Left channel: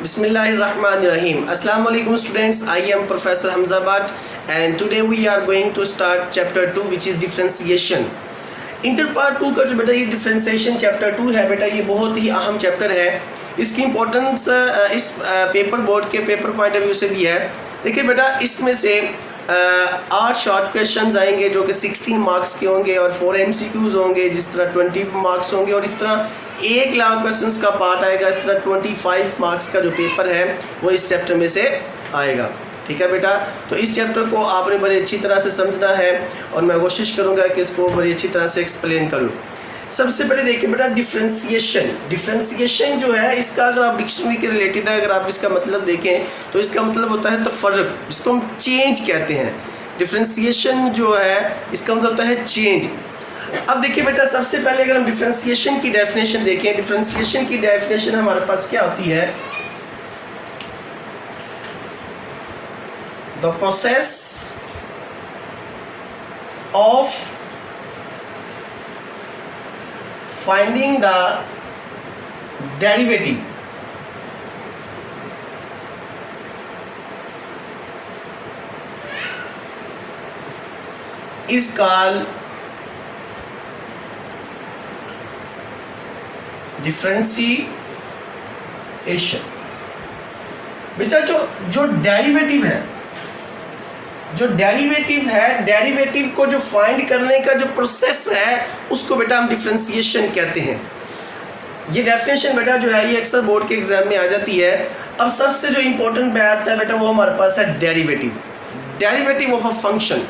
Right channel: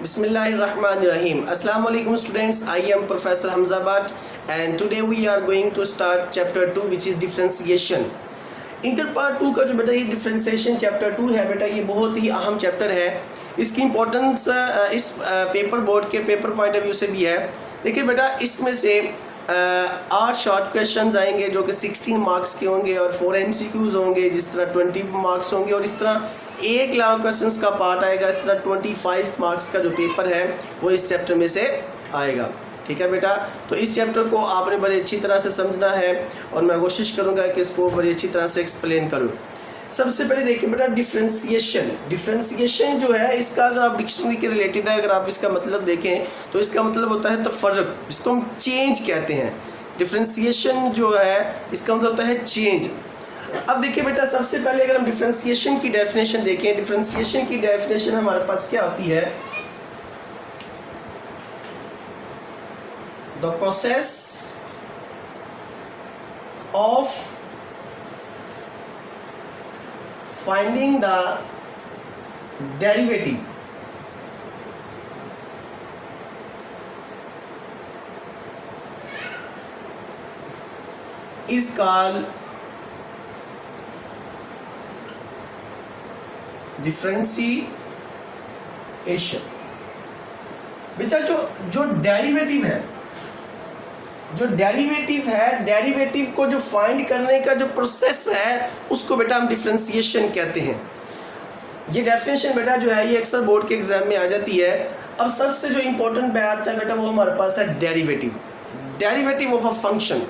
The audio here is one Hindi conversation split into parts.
Bismillahirrahmanirrahim. Assalamu alaikum students. I am Professor Hamza Bhatt and today we are going to start chapter 2 which is differentiation. Inter part 2 का जो बेटा ये डिफ्रेंसिएशन चैप्टर 2 है बेटा ये बहुत ही अहम चैप्टर है। इसकी इम्पोर्टेंस इस पेपर बोर्ड के पेपर पॉइंट ऑफ व्यू से भी है। देखिए बेटा इसमें से 8 शॉर्ट क्वेश्चंस आएंगे जो कि 16 मार्क्स के होंगे और 4 MCQs होंगे जिस तरह 20 मार्क्स होंगे और इस तरह 1 लाख क्वेश्चंस का पार्ट आएगा। इस तरह 25 मार्क्स का जो पेपर है वो इस चैप्टर में से आएगा। ठीक है बेटा, तो इस चैप्टर को आपने बड़ी अच्छी तरह से समझना है और मैं कोशिश करूँगा कि इसको बड़ी अच्छी तरह से एक्सप्लेन करूँ। सबसे पहले देखिए बेटा डिफ्रेंसिएशन जो है इसका अगर आप डिक्शनरी के रिलेटेड है अगर आप इसका मतलब देखें तो इसका मतलब होता है तफर्रुक, जिसको हम चेंज कहते हैं। डिफ्रेंसिएशन जो है इसका मतलब होता है चेंज। अब देखिए बेटा सबसे पहले अगर हम डिफ्रेंसिएशन की डेफिनेशन देखें, डिफ्रेंसिएशन की डेफिनेशन हमारे पास क्या होती है? The process of finding the derivative is called differentiation। बेटा जो डेरिवेटिव है डेरिवेटिव को जो फाइंड करने का जो प्रोसेस है उसको बेटा हम डिफरेंशिएशन कहते हैं। ये डेफिनेशन बेटा जो है ये अक्सर बोर्ड के एग्जाम में आ जाती है। अब सबसे जो इम्पोर्टेंट बात है बेटा वो हमारे पास है डेरिवेटिव ऑफ अ फंक्शन।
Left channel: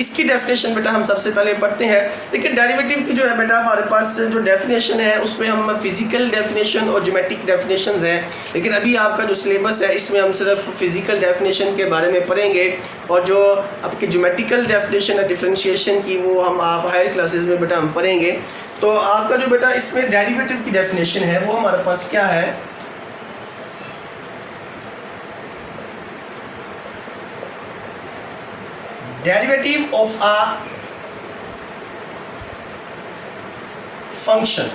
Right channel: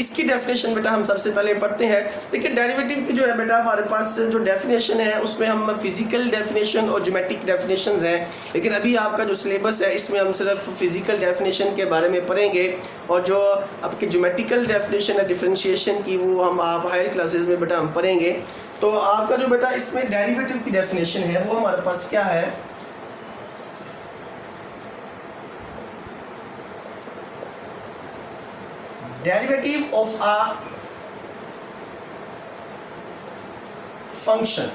इसकी डेफिनेशन बेटा हम सबसे पहले पढ़ते हैं। लेकिन डेरिवेटिव की जो है बेटा हमारे पास जो डेफिनेशन है उसमें हम फिजिकल डेफिनेशन और ज्योमेट्रिक डेफिनेशंस हैं। लेकिन अभी आपका जो सिलेबस है इसमें हम सिर्फ फिजिकल डेफिनेशन के बारे में पढ़ेंगे और जो आपकी ज्योमेट्रिकल डेफिनेशन है डिफरेंशिएशन की वो हम आप हायर क्लासेस में बेटा हम पढ़ेंगे। तो आपका जो बेटा इसमें डेरिवेटिव की डेफिनेशन है वो हमारे पास क्या है? Derivative of a function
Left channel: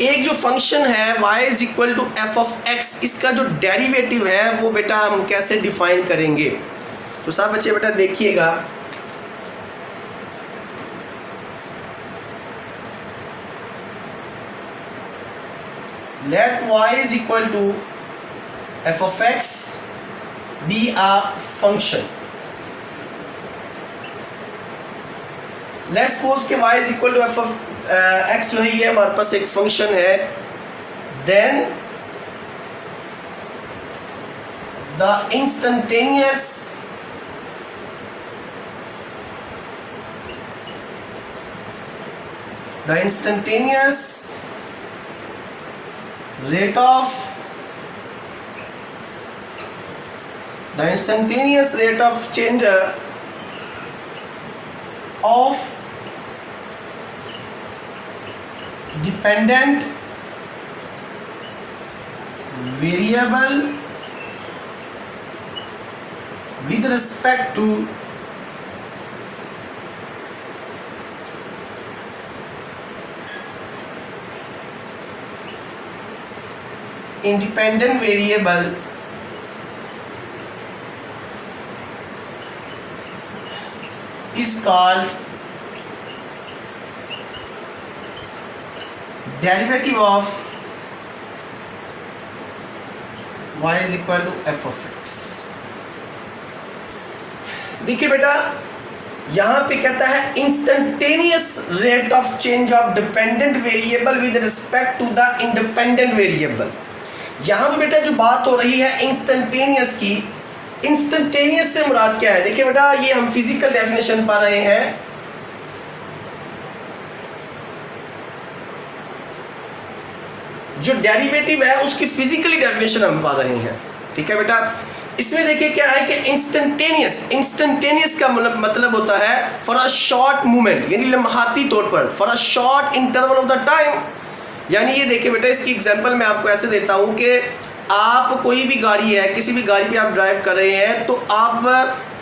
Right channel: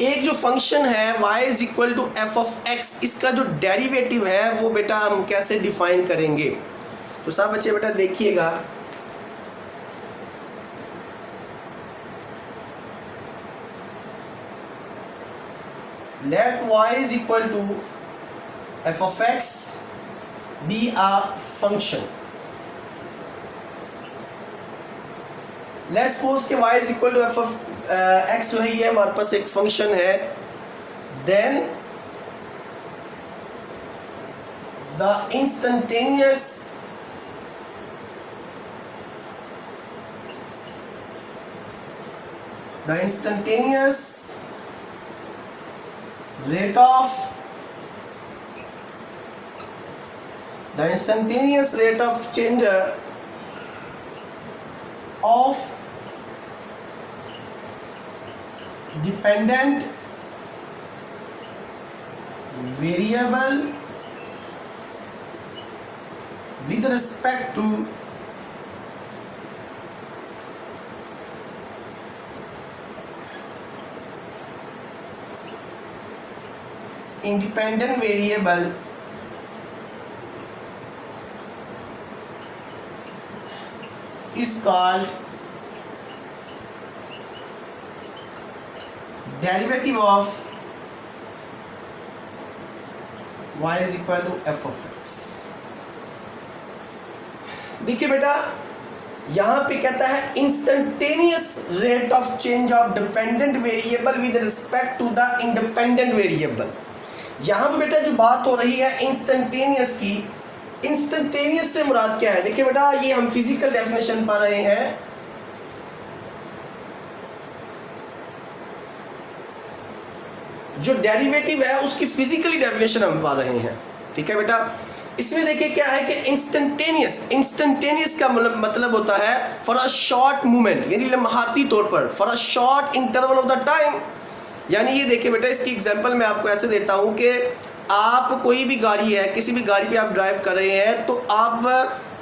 एक जो फंक्शन है y is equal to f of x, इसका जो डेरिवेटिव है वो बेटा हम कैसे डिफाइन करेंगे? तो सब बच्चे बेटा देखिएगा, let y is equal to f of x be a function। let's suppose कि y is equal to f of x जो है ये हमारे पास एक फंक्शन है। then the instantaneous rate of change of dependent variable with respect to independent variable is called derivative of y is equal to f of x। देखिए बेटा यहाँ पे कहता है instantaneous rate of change of dependent variable with respect to the independent variable. यहाँ पे बेटा जो बात हो रही है इंस्टेंटेनियस की, इंस्टेंटेनियस से मुराद क्या है? देखिए बेटा ये हम फिजिकल डेफिनेशन पा रहे हैं। जो डेरिवेटिव है उसकी फिजिकली डेफिनेशन हम पा रहे हैं। ठीक है बेटा, इसमें देखिए क्या है कि इंस्टेंटेनियस का मतलब होता है फॉर अ शॉर्ट मूवमेंट, यानी लम्हाती तौर पर, for a short interval of the time. यानी ये देखिए बेटा इसकी एग्जांपल मैं आपको ऐसे देता हूँ कि आप कोई भी गाड़ी है, किसी भी गाड़ी पे आप ड्राइव कर रहे हैं तो आप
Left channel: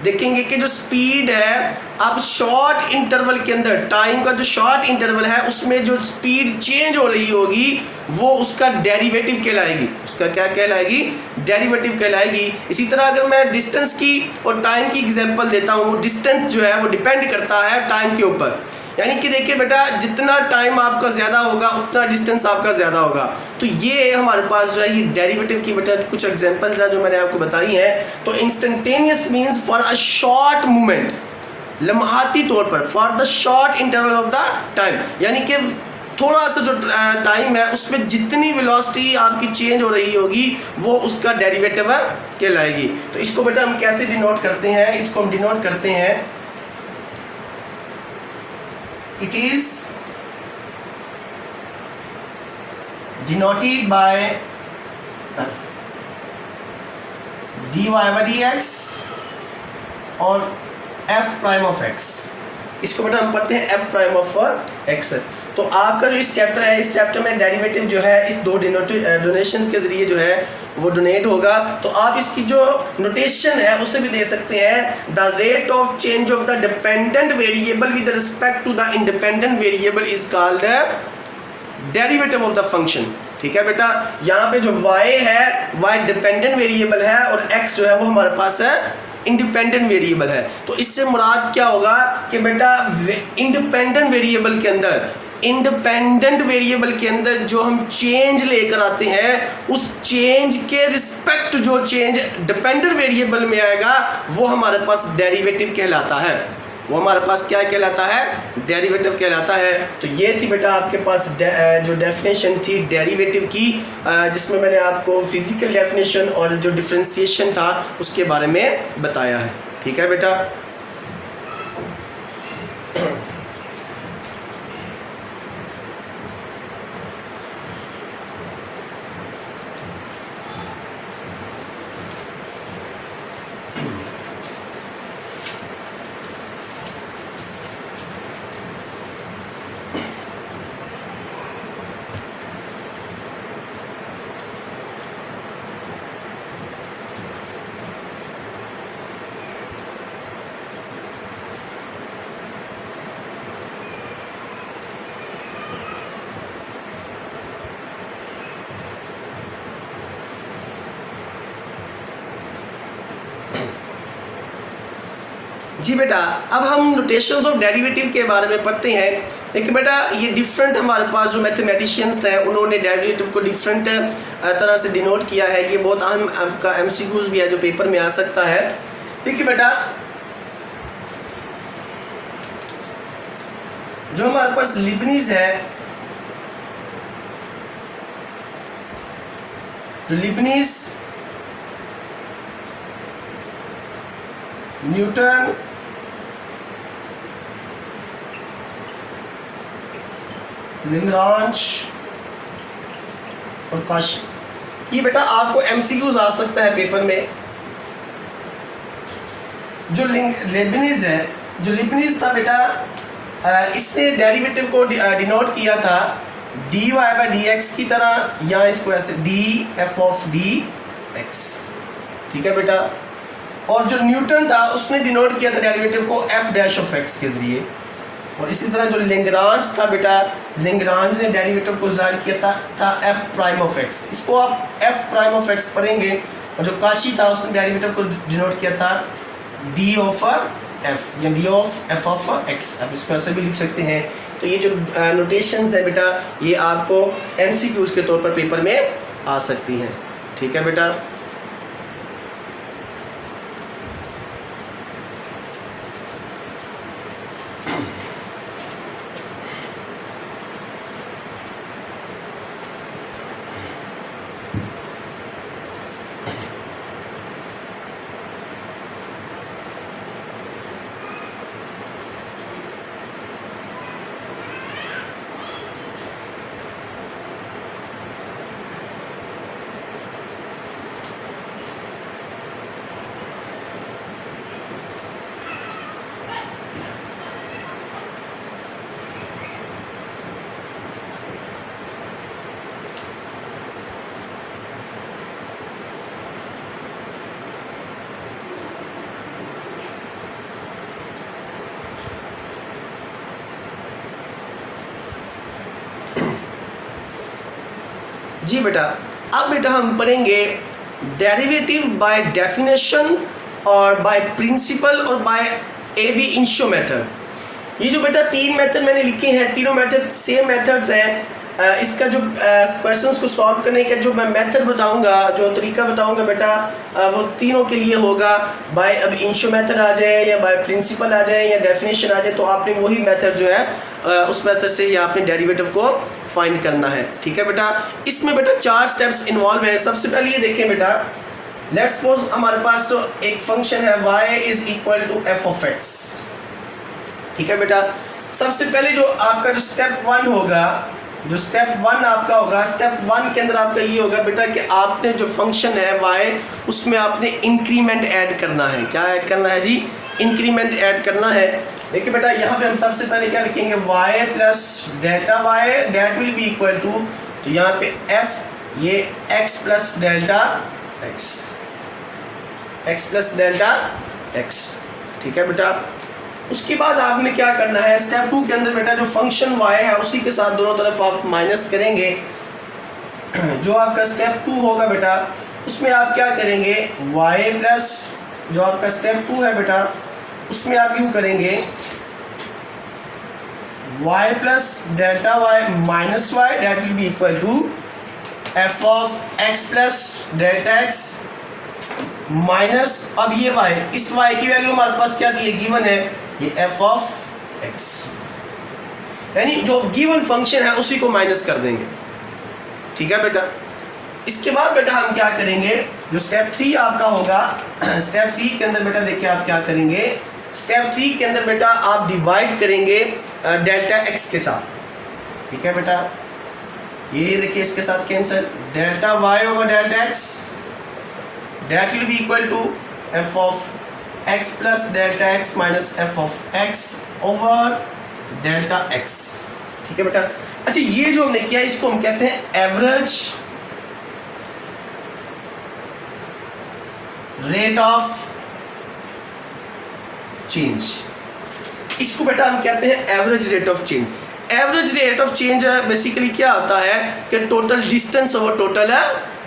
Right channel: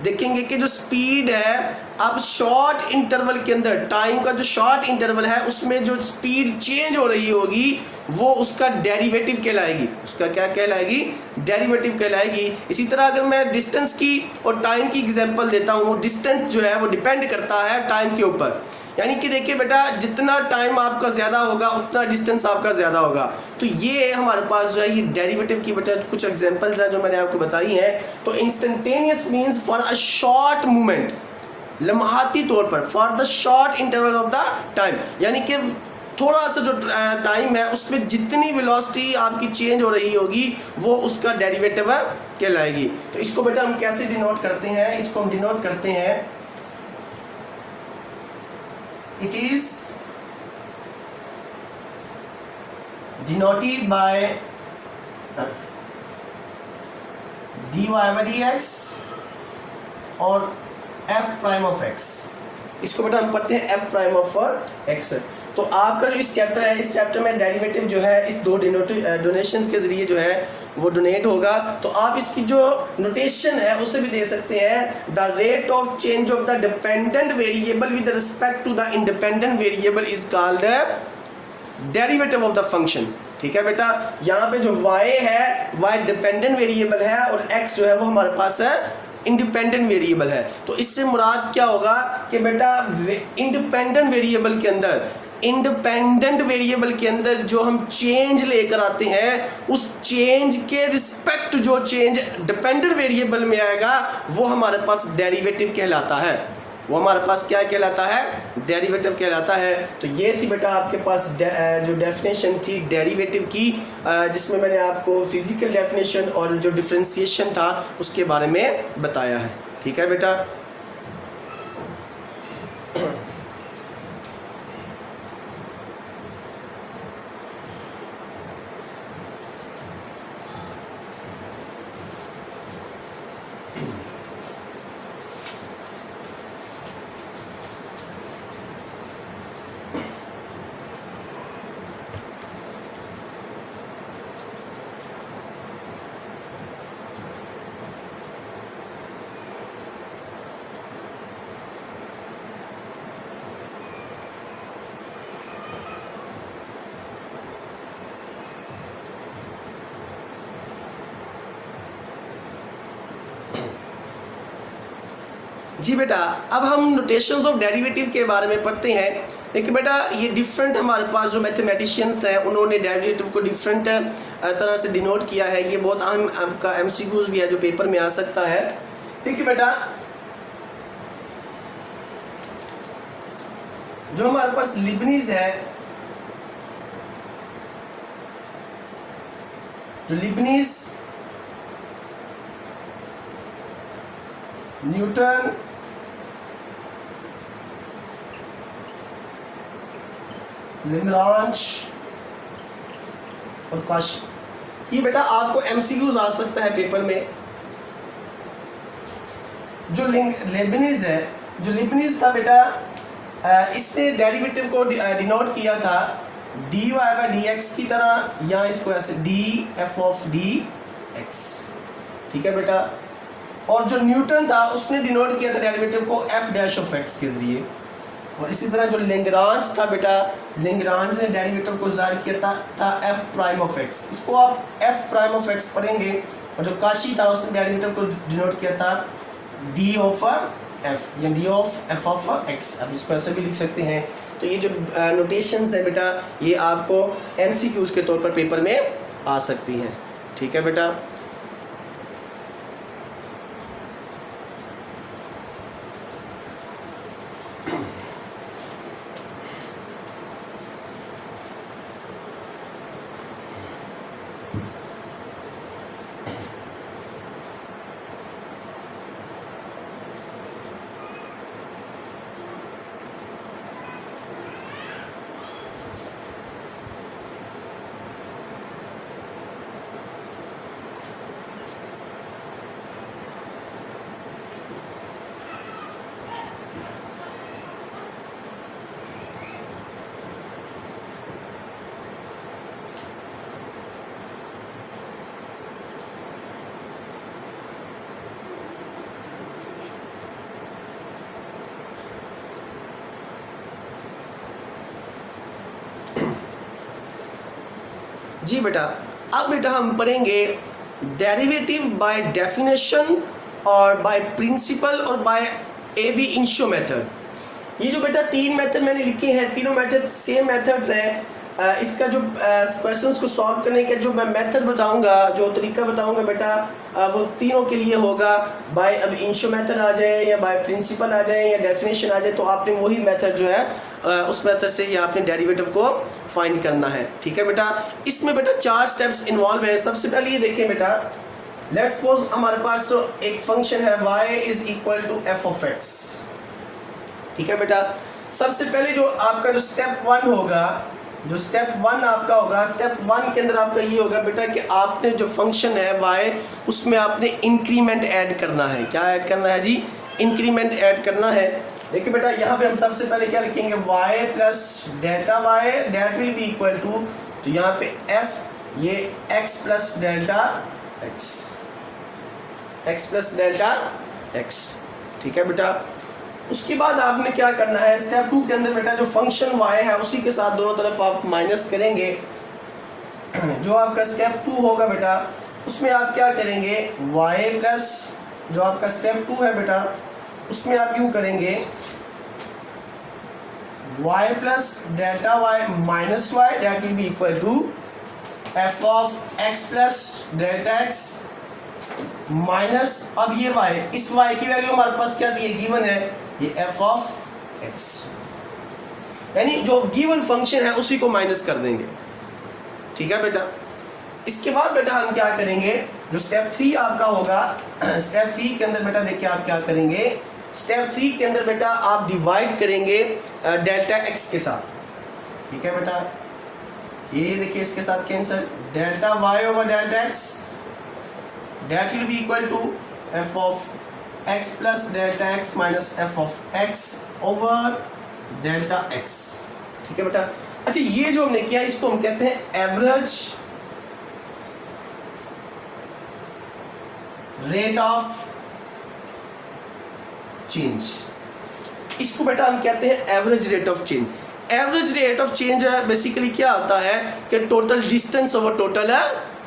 देखेंगे कि जो स्पीड है अब शॉर्ट इंटरवल के अंदर, टाइम का जो शॉर्ट इंटरवल है उसमें जो स्पीड चेंज हो रही होगी वो उसका डेरिवेटिव कहलाएगी। उसका क्या कहलाएगी? डेरिवेटिव कहलाएगी। इसी तरह अगर मैं डिस्टेंस की और टाइम की एग्जांपल देता हूँ, वो डिस्टेंस जो है वो डिपेंड करता है टाइम के ऊपर। यानी कि देखिए बेटा, जितना टाइम आपका ज़्यादा होगा उतना डिस्टेंस आपका ज़्यादा होगा। तो ये हमारे पास जो है ये डेरिवेटिव की बेटा कुछ एग्जांपल्स हैं जो मैंने आपको बताई हैं। तो instantaneous means for a short movement, लम्हाती तौर पर, for the short interval of the time, यानी कि थोड़ा सा जो टाइम है उसमें जितनी वेलोसिटी आपकी चेंज हो रही होगी वो उसका डेरिवेटिव कहलाएगी। तो इसको बेटा हम कैसे डिनोट करते हैं? इसको हम डिनोट करते हैं, it is denoted by dy by dx और f प्राइम ऑफ x। इसको बेटा हम पढ़ते हैं f प्राइम ऑफ x। तो आपका जो इस चैप्टर है, इस चैप्टर में डेरिवेटिव जो है इस दो डोनेशंस के जरिए जो है वो डोनेट होगा। तो आप इसकी जो नोटेशन है उसे भी दे सकते हैं, the rate of change of the dependent variable with respect to the independent variable is called derivative of the function. ठीक है बेटा, यहाँ पे जो y है y डिपेंडेंट वेरिएबल है और x जो है वो हमारे पास है इंडिपेंडेंट वेरिएबल है। तो इससे मुराद क्या होगा कि बेटा इंडिपेंडेंट वेरिएबल के अंदर, इंडिपेंडेंट वेरिएबल के अंदर जो हम चेंज लेकर आते हैं उस चेंज के रिस्पेक्ट जो चेंज डिपेंडेंट वेरिएबल में आएगा वो हमारे पास डेरिवेटिव कहलाता है। वो हमारे पास क्या कहलाता है? डेरिवेटिव कहलाता है। तो ये थी बेटा आपके पास जो डेफिनेशन थी डेरिवेटिव की, जिसमें मैंने आपको फिजिकल डेफिनेशन और जो डिफरेंशिएशन था उसके बारे में बताया है। ठीक है बेटा। जी बेटा, अब हम नोटेशंस ऑफ डेरिवेटिव के बारे में पढ़ते हैं। लेकिन बेटा ये डिफरेंट हमारे पास जो मैथमेटिशियंस हैं उन्होंने डेरिवेटिव को डिफरेंट तरह से डिनोट किया है। ये बहुत अहम आपका एमसीक्यूज भी है जो पेपर में आ सकता है। देखिए बेटा, जो हमारे पास लीबनिज है, जो लीबनिज, न्यूटन, लैग्रांज और कॉशी, ये बेटा आपको एमसीक्यूज आ सकता है पेपर में। जो लीबनिज है, जो लीबनिज था बेटा, इसने डेरिवेटिव को डिनोट किया था dy बाई डी एक्स की तरह, या इसको ऐसे D F of D x. ठीक है बेटा। और जो न्यूटन था उसने डिनोट किया था डेरिवेटिव को एफ डैश ऑफ एक्स के जरिए। और इसी तरह जो लैग्रांज था बेटा, लैग्रांज ने डेरिवेटिव को जाहिर किया था एफ प्राइम ऑफ एक्स। इसको आप एफ प्राइम ऑफ एक्स पढ़ेंगे। और जो काशी था उसने डेरिवेटिव को डिनोट किया था डी ऑफ एफ, या D of F of x. आप इसको ऐसे भी लिख सकते हैं। तो ये जो नोटेशंस है बेटा ये आपको एमसीक्यूज के तौर पर पेपर में आ सकती हैं। ठीक है बेटा। जी बेटा, अब बेटा हम पढ़ेंगे डेरिवेटिव बाय डेफिनेशन और बाय प्रिंसिपल और bye ab initio method. ये जो बेटा तीन मेथड मैंने लिखे हैं, तीनों मेथड सेम मेथड्स हैं। इसका जो क्वेश्चंस को सॉल्व करने का जो मैं मेथड बताऊंगा, जो तरीका बताऊंगा बेटा, वो तीनों के लिए होगा। बाय अब इंशो मेथड आ जाए या बाय प्रिंसिपल आ जाए या डेफिनेशन आ जाए, तो आपने वही मेथड जो है उस मेथड से या आपने डेरिवेटिव को फाइंड करना है। ठीक है बेटा, इसमें बेटा 4 स्टेप्स इन्वॉल्व हैं। सबसे पहले ये देखें बेटा, लेट्स सपोज हमारे पास तो एक फंक्शन है y is equal to f of x. ठीक है बेटा, सबसे पहले जो आपका जो स्टेप 1 होगा, जो स्टेप 1 आपका होगा, स्टेप 1 के अंदर आपका ये होगा बेटा कि आपने जो फंक्शन है y, उसमें आपने इंक्रीमेंट ऐड करना है। क्या ऐड करना है जी? इंक्रीमेंट ऐड करना है। देखिए बेटा, यहाँ पे हम सबसे पहले क्या लिखेंगे, y plus delta y that will be equal to, तो यहाँ पे f ये x plus delta x, x plus delta x। ठीक है बेटा, उसके बाद आपने क्या करना है, स्टेप 2 के अंदर बेटा जो फंक्शन y है उसी के साथ दोनों तरफ आप माइनस करेंगे। जो आपका स्टेप 2 होगा बेटा, उसमें आप क्या करेंगे, y प्लस जो आपका स्टेप 2 है बेटा, उसमें आप यूँ करेंगे y plus delta y minus y that will be equal to f of x plus delta x minus, अब ये y, इस y की वैल्यू हमारे पास क्या दी है, गिवन है, ये एफ ऑफ एक्स, यानी जो गिवन फंक्शन है उसी को माइनस कर देंगे। ठीक है बेटा, इसके बाद बेटा हम क्या करेंगे, जो स्टेप 3 आपका होगा, स्टेप 3 के अंदर बेटा देखिए आप क्या करेंगे, स्टेप 3 के अंदर बेटा आप डिवाइड करेंगे डेल्टा एक्स के साथ। ठीक है बेटा, ये देखिए इसके साथ cancel, delta y over delta x that will be equal to f of x plus delta x minus f of x over delta x। ठीक है बेटा, अच्छा ये जो हमने किया इसको हम कहते हैं एवरेज रेट ऑफ चेंज। इसको बेटा हम कहते हैं average rate of change. Average rate of change basically क्या होता है कि total distance over total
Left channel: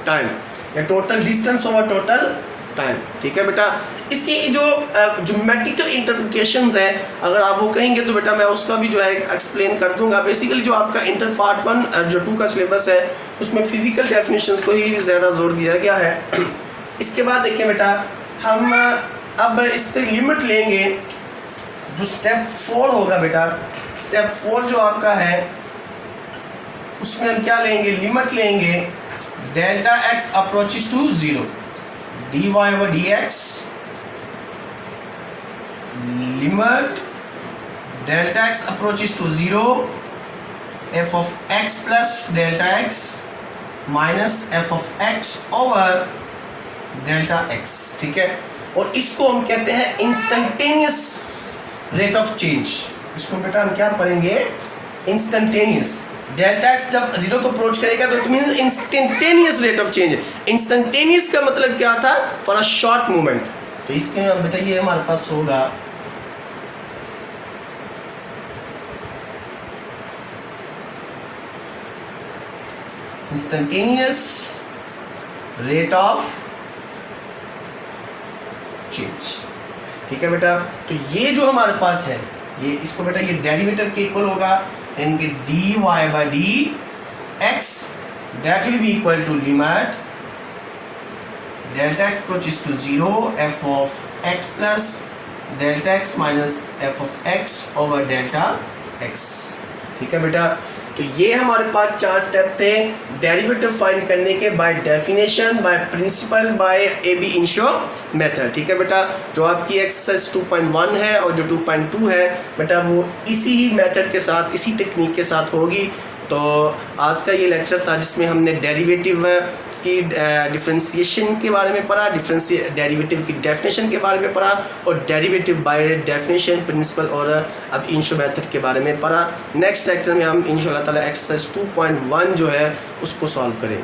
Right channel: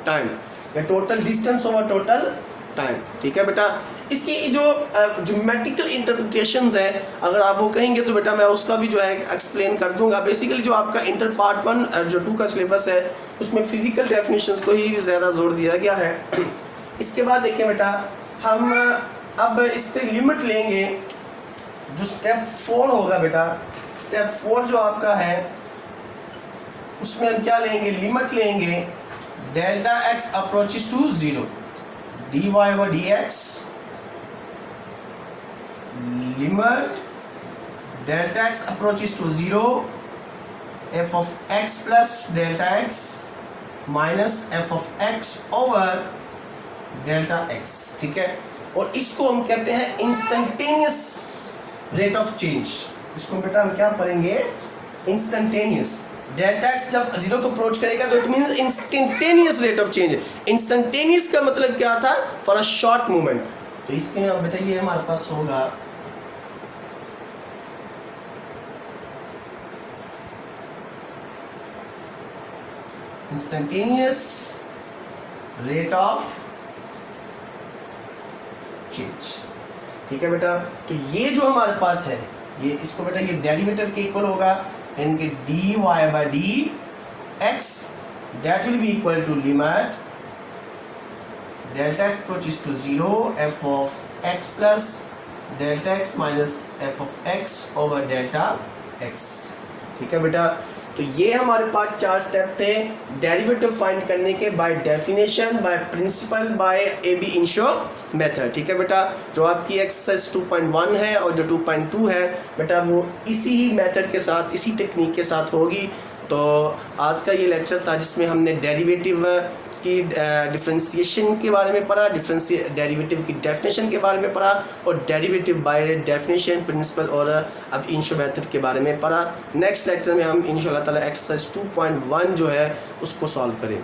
time, या total distance over total time. ठीक है बेटा, इसकी जो ज्योमेट्रिकल इंटरप्रिटेशंस है, अगर आप वो कहेंगे तो बेटा मैं उसका भी जो है एक्सप्लेन कर दूंगा। बेसिकली जो आपका इंटर पार्ट 1 जो 2 का सिलेबस है, उसमें फिजिकल डेफिनेशंस को ही ज़्यादा जोर दिया गया है। इसके बाद देखिए बेटा, हम अब इस पर लिमिट लेंगे। जो स्टेप 4 होगा बेटा, स्टेप 4 जो आपका है, उसमें हम क्या लेंगे, लिमिट लेंगे delta x approaches to 0 dy over dx limit delta x approaches to 0 f of x plus delta x minus f of x over delta x। ठीक है, और इसको हम कहते हैं इंस्टेंटेनियस रेट ऑफ चेंज। इसको बेटा हम क्या पढ़ेंगे, इंस्टेंटेनियस। डेल्टा एक्स जब 0 को अप्रोच करेगा तो it means instantaneous rate of change. Instantaneous का मतलब क्या था, फॉर अ शॉर्ट मूवमेंट। तो इसमें बेटा ये हमारे पास होगा इंस्टेंटेनियस रेट ऑफ चेंज। ठीक है बेटा, तो ये जो हमारे पास है, ये इसको बेटा ये डेरिवेटिव के इक्वल होगा, यानी कि dy by dx that will be equal to limit delta x approaches to 0 f of x plus delta x minus f of x over delta x। ठीक है बेटा, तो ये हमारे पास 4 स्टेप थे डेरिवेटिव फाइंड करने के, by definition, by principle, by ab initio method. ठीक है बेटा, जो आपकी एक्सरसाइज 2.1 है और जो 2.2 है बेटा वो इसी ही मेथड के साथ, इसी टेक्निक के साथ होगी। तो आज का ये लेक्चर था जिसमें हमने डेरिवेटिव की डिफ्रेंसिएशन के बारे में पढ़ा, डेरिवेटिव की डेफिनेशन के बारे में पढ़ा, और डेरिवेटिव बाय डेफिनेशन, प्रिंसिपल और अब इंशो मेथड के बारे में पढ़ा। नेक्स्ट लेक्चर में हम इंशाल्लाह ताला एक्सरसाइज 2.1 जो है उसको सॉल्व करें।